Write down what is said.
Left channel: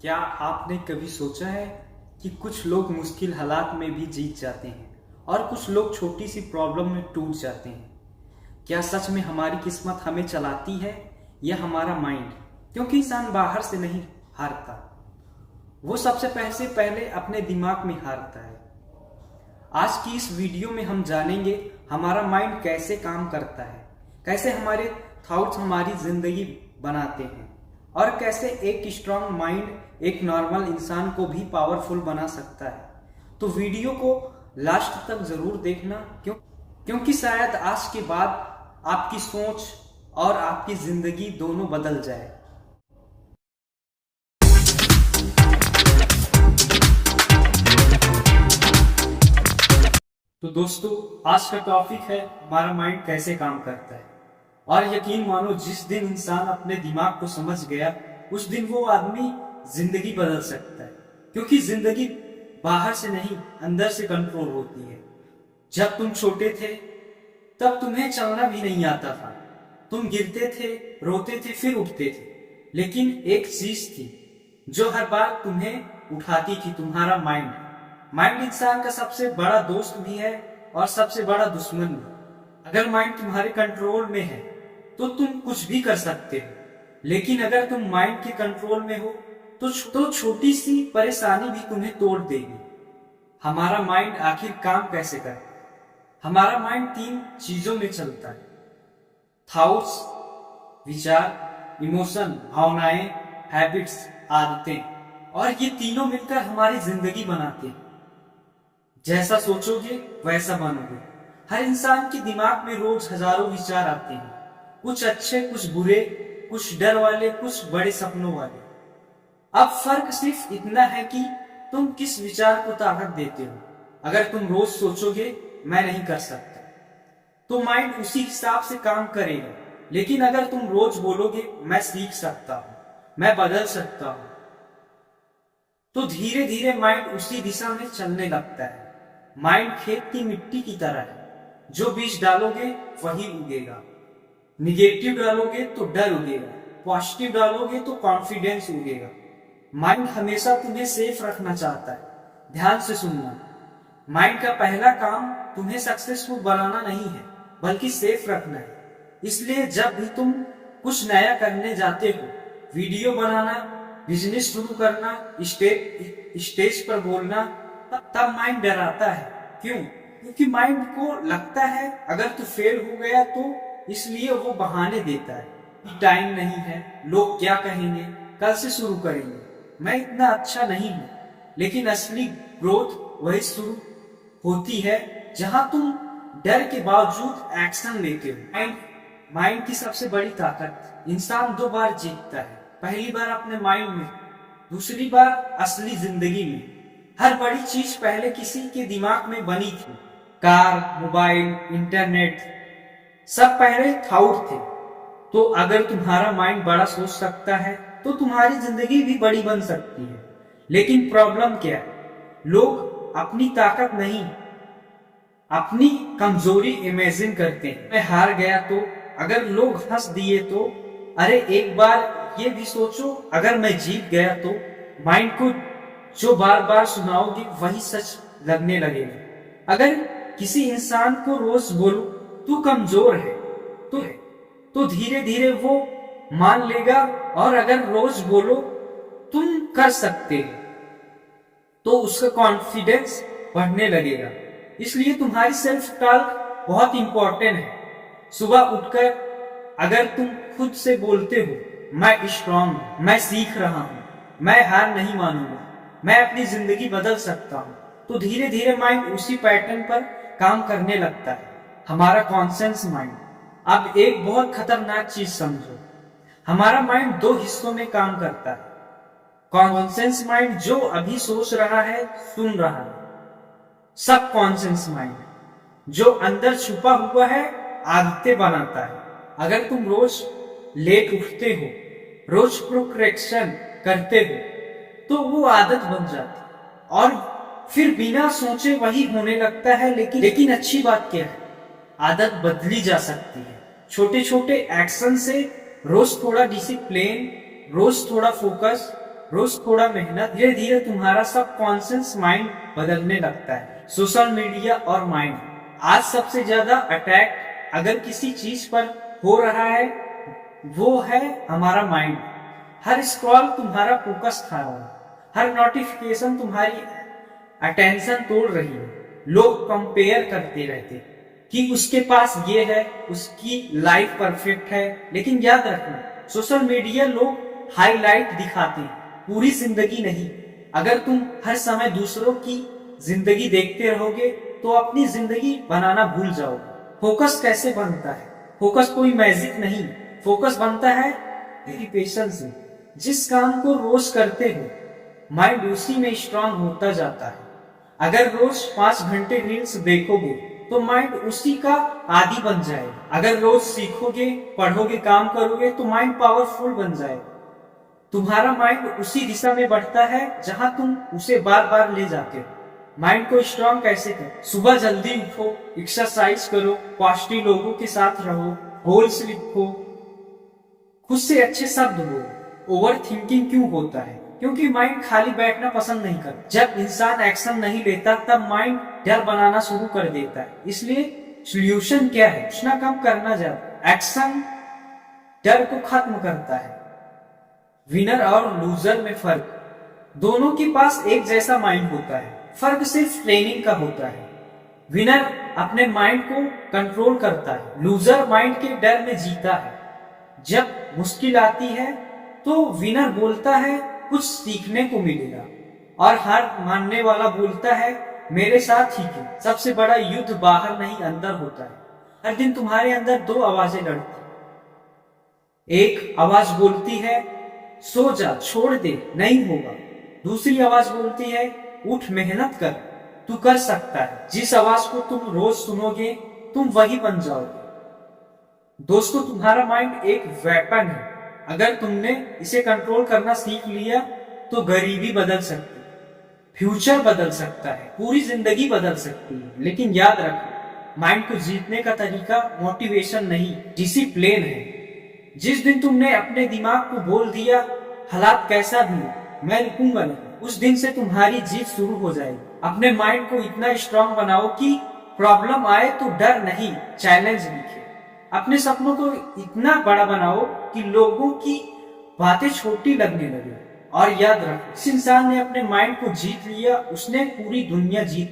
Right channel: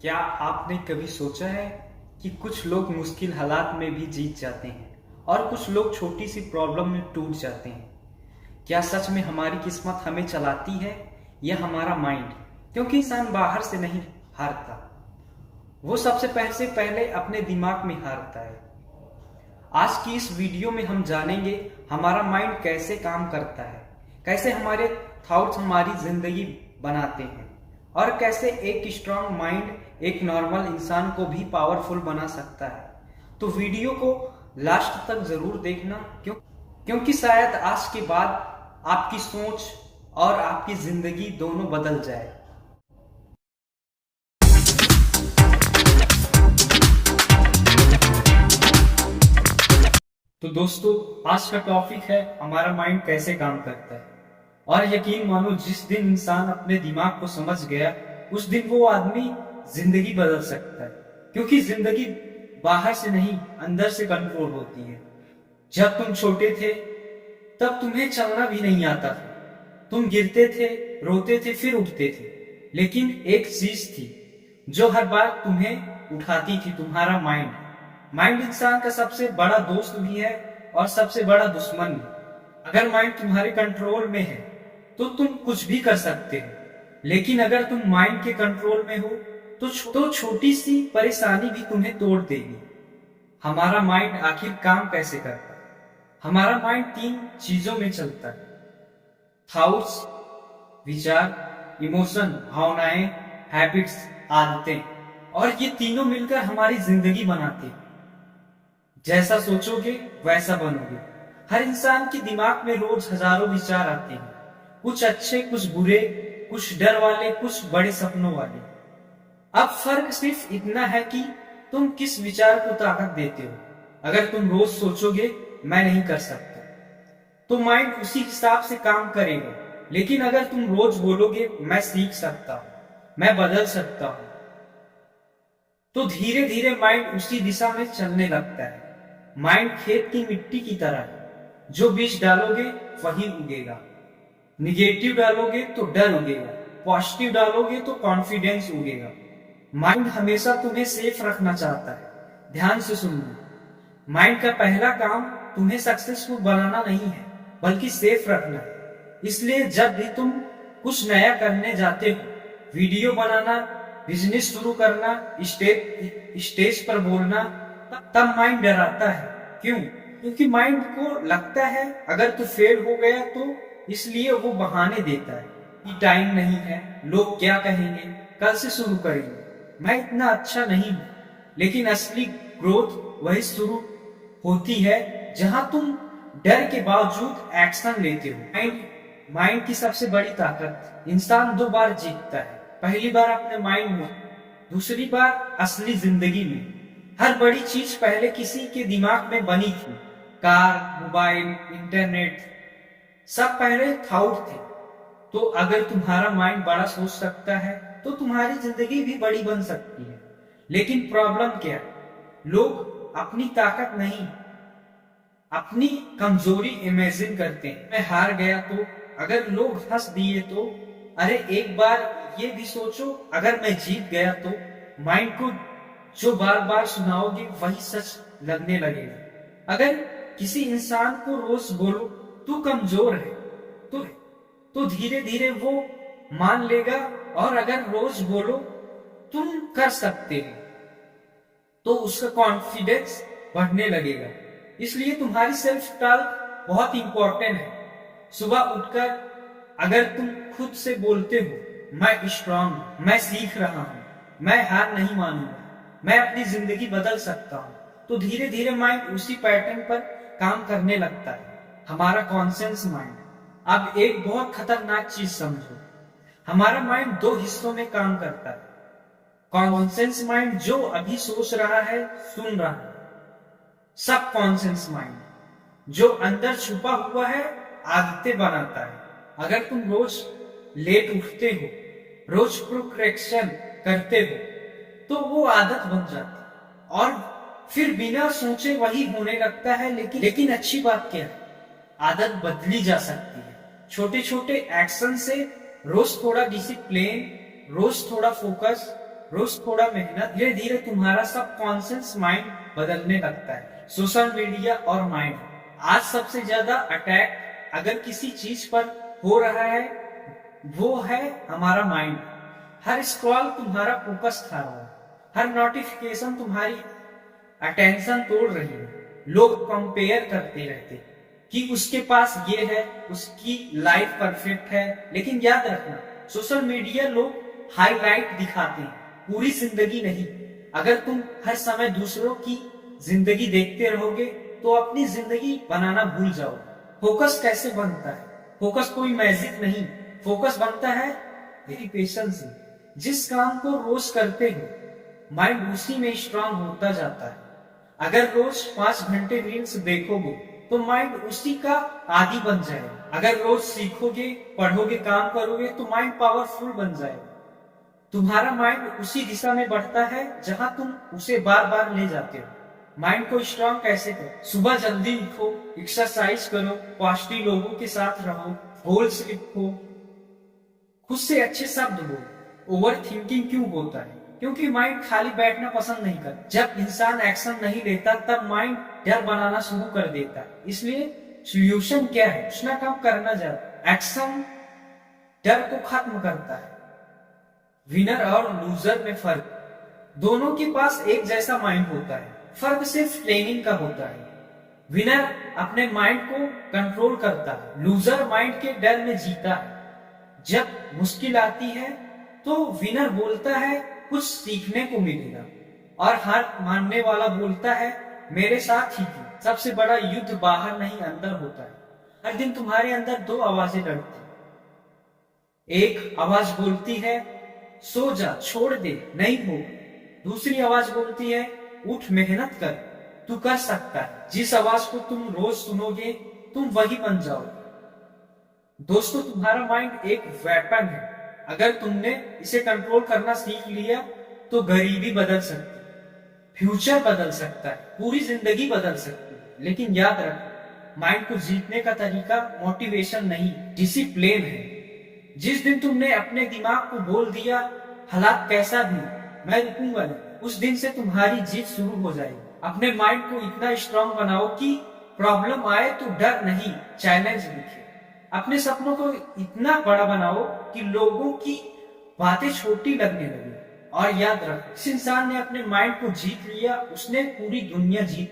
क्या आपने कभी सोचा है कि कुछ लोग मुश्किल हालात में भी जीत जाते हैं और कुछ लोग छोटी सी प्रॉब्लम में टूट जाते हैं। क्या सच में हमारी किस्मत हमें चलाती है या हमारा माइंड? क्योंकि इंसान बाहर से नहीं हारता, वो सबसे पहले अपने दिमाग में हारता है। आज की इस वीडियो में हम जानेंगे हमारा माइंड कैसे काम करता है, कैसे हमारे थॉट्स हमारी जिंदगी बनाते हैं और कैसे एक स्ट्रांग माइंड एक नॉर्मल इंसान को भी पावरफुल बना सकता है। तो वीडियो को लास्ट तक जरूर देखना, क्योंकि शायद आज के बाद आपकी सोच और आपकी जिंदगी दोनों बदल जाए। तो दोस्तों, आज का टॉपिक है हमारा माइंड कैसे काम करता है। और यकीन मानो, जिस दिन इंसान अपने दिमाग को समझ गया उस दिन वो आदमी जिंदगी बदल सकता है। क्योंकि जिंदगी बाहर से नहीं, अंदर से कंट्रोल होती है। जब तुम छोटे थे तब तुम्हें चलना भी नहीं आता था। तुम गिरते थे, रोते थे, फिर उठते थे। लेकिन एक चीज थी जो हर बार तुम्हें उठाती थी, तुम्हारा माइंड। माइंड इंसान का सबसे बड़ा दोस्त भी है और सबसे बड़ा दुश्मन भी। अगर माइंड तुम्हारे कंट्रोल में है तो तुम कुछ भी कर सकते हो, लेकिन अगर तुम माइंड के कंट्रोल में हो तो छोटी सी परेशानी भी तुम्हें तोड़ देगी। हमारा माइंड आखिर काम कैसे करता है? हमारा माइंड 3 चीजों में चलता है: थॉट्स, विचार, इमोशन, भावनाएं, हैबिट्स, आदतें। और ये तीनों मिलकर हमारी जिंदगी बनाते हैं। जैसा सोचोगे वैसा बनोगे। हर इंसान के दिमाग में रोज हजारों विचार आते हैं, कुछ अच्छे, कुछ बुरे, कुछ डर वाले, कुछ बड़े सपनों वाले। अब फर्क सिर्फ इतना है कि तुम किस विचार को ताकत देते हो। अगर तुम रोज सोचोगे मैं नहीं कर सकता, तो माइंड उसी हिसाब से काम करेगा। लेकिन अगर तुम रोज बोलोगे मैं सीख सकता हूं, मैं बदल सकता हूं, तो धीरे धीरे माइंड उसी दिशा में चलने लगता है। माइंड खेत की मिट्टी की तरह है, जो बीज डालोगे वही उगेगा। निगेटिव डालोगे तो डर उगेगा, पॉजिटिव डालोगे तो कॉन्फिडेंस उगेगा। माइंड हमेशा तुम्हें सेफ रखना चाहता है। ध्यान से सुनना, माइंड का पहला काम तुम्हें सक्सेसफुल बनाना नहीं है, बल्कि सेफ रखना है। इसलिए जब भी तुम कुछ नया करने जाते हो, वीडियो बनाना, बिजनेस शुरू करना, स्टेज पर बोलना, तब माइंड डराता है। क्यों? क्योंकि माइंड को लगता है अगर तू फेल हो गया तो, इसलिए वो बहाने देता है कि टाइम नहीं है, लोग क्या कहेंगे, कल से शुरू करेंगे, मैं इतना अच्छा नहीं हूं। लेकिन असली ग्रोथ वही शुरू होती है जहां तुम डर के बावजूद एक्शन लेते हो। माइंड की सबसे बड़ी ताकत: इंसान 2 बार जीतता है। पहली बार अपने माइंड में, दूसरी बार असली जिंदगी में। हर बड़ी चीज पहले किसी के दिमाग में बनी थी। कार, मोबाइल, इंटरनेट, सब पहले थॉट थे। तो अगर तुम्हारा माइंड बड़ा सोच सकता है तो तुम्हारी जिंदगी भी बड़ी बन सकती है। लेकिन प्रॉब्लम क्या है? लोग अपनी ताकत नहीं, अपनी कमजोरी इमेजिन करते हैं। मैं हार गया तो, अगर लोग हंस दिए तो, अरे एक बार ये भी सोचो अगर मैं जीत गया तो। माइंड को जो बार बार सुनाओगे वही सच लगने लगेगा। अगर किसी इंसान को रोज बोलो तू कमजोर है तो धीरे धीरे वो मान लेगा। और अगर रोज बोलो तुम कर सकते हो, तो उसका कॉन्फिडेंस बढ़ने लगेगा। इसलिए तुम्हारी सेल्फ टॉक बहुत इंपॉर्टेंट है। सुबह उठकर अगर तुम खुद से बोलते हो मैं स्ट्रांग हूं, मैं सीख रहा हूं, मैं हार नहीं मानूंगा, मैं अपनी जिंदगी बदल सकता हूं, तो धीरे धीरे माइंड उसी पैटर्न पर काम करने लगता है। हमारा कॉन्शियस माइंड। अब एक बहुत खतरनाक चीज समझो, हमारा माइंड 2 हिस्सों में काम करता है। कॉन्शियस माइंड जो अभी सोच रहा है, सुन रहा है। सब कॉन्शियस माइंड जो अंदर छुपा हुआ है, आदतें बनाता है। अगर तुम रोज लेट उठते हो, रोज प्रोक्रेशन करते हो, तो वो आदत बन जाती है और फिर बिना सोचे वही होने लगता है। लेकिन अच्छी बात क्या है? आदत बदली जा सकती है। छोटे छोटे एक्शन से, रोज थोड़ा डिसिप्लिन, रोज थोड़ा फोकस, रोज थोड़ा मेहनत, धीरे धीरे तुम्हारा सबकॉन्शियस माइंड बदलने लगता है। सोशल मीडिया और माइंड, आज सबसे ज्यादा अटैक अगर किसी चीज पर हो रहा है वो है हमारा माइंड। हर स्क्रॉल तुम्हारा फोकस खा रहा है, हर नोटिफिकेशन तुम्हारी अटेंशन तोड़ रही है। लोग कंपेयर करते रहते कि उसके पास ये है, उसकी लाइफ परफेक्ट है, लेकिन याद रखना सोशल मीडिया लोग हाईलाइट दिखाते हैं, पूरी जिंदगी नहीं। अगर तुम हर समय दूसरों की जिंदगी देखते रहोगे तो अपनी जिंदगी बनाना भूल जाओगे। फोकस कैसे बनता है? फोकस कोई मैजिक नहीं, फोकस बनता है रिपीटेशन से। जिस काम को रोज करते हो माइंड उसी में स्ट्रांग होता जाता है। अगर रोज 5 घंटे रील्स देखोगे तो माइंड उसी का आदी बन जाएगा। अगर रोज सीखोगे, पढ़ोगे, काम करोगे तो माइंड पावरफुल बन जाएगा। तुम्हारा माइंड उसी दिशा में बढ़ता है जहां तुम उसे बार बार ले जाते हो। माइंड को स्ट्रांग कैसे करें? सुबह जल्दी उठो, एक्सरसाइज करो, पॉजिटिव लोगों के साथ रहो, गोल्स लिखो, खुद से अच्छे शब्द बोलो। ओवर थिंकिंग क्यों होता है? क्योंकि माइंड खाली बैठना पसंद नहीं करता। जब इंसान एक्शन नहीं लेता तब माइंड डर बनाना शुरू कर देता है। इसलिए सॉल्यूशन क्या है? कुछ ना कम करना ज्यादा। एक्शन डर को खत्म करता है। विनर और लूजर में फर्क, दोनों के पास एक जैसा माइंड होता है, फर्क सिर्फ ट्रेनिंग का होता है। विनर अपने माइंड को कंट्रोल करता है, लूजर माइंड के डर में जीता है। जब मुश्किल आती है तो विनर बोलता है कुछ सीखने को मिलेगा, और हार मानने वाला बोलता है मेरे साथ ही क्यों। सबसे बड़ा युद्ध बाहर नहीं अंदर होता है। हर दिन तुम्हारे अंदर 2 आवाजें लड़ती। एक आवाज बोलती है सो जा, छोड़ दे, नहीं होगा। दूसरी आवाज बोलती है उठ, मेहनत कर, तू कर सकता है। जिस आवाज को तुम रोज सुनोगे तुम वही बन जाओगे। दोस्तों, तुम्हारा माइंड एक वेपन है। अगर तुमने इसे कंट्रोल करना सीख लिया तो गरीबी बदल सकती, फ्यूचर बदल सकता है, पूरी जिंदगी बदल सकती है। लेकिन याद रखो, माइंड को जीतने का तरीका मोटिवेशन नहीं, डिसिप्लिन है। जिस दिन तुमने अपने दिमाग को बोल दिया हालात कैसा भी मैं रुकूंगा नहीं, उस दिन से तुम्हारी जीत शुरू हो जाएगी। अपने माइंड को इतना स्ट्रांग बनाओ कि प्रॉब्लम आए तो डर नहीं, चैलेंज दिखे। अपने सपनों को इतना बड़ा बनाओ कि लोगों की बातें छोटी लगने लगे। और याद रखो, जिस इंसान ने अपने माइंड को जीत लिया उसने पूरी दुनिया जीत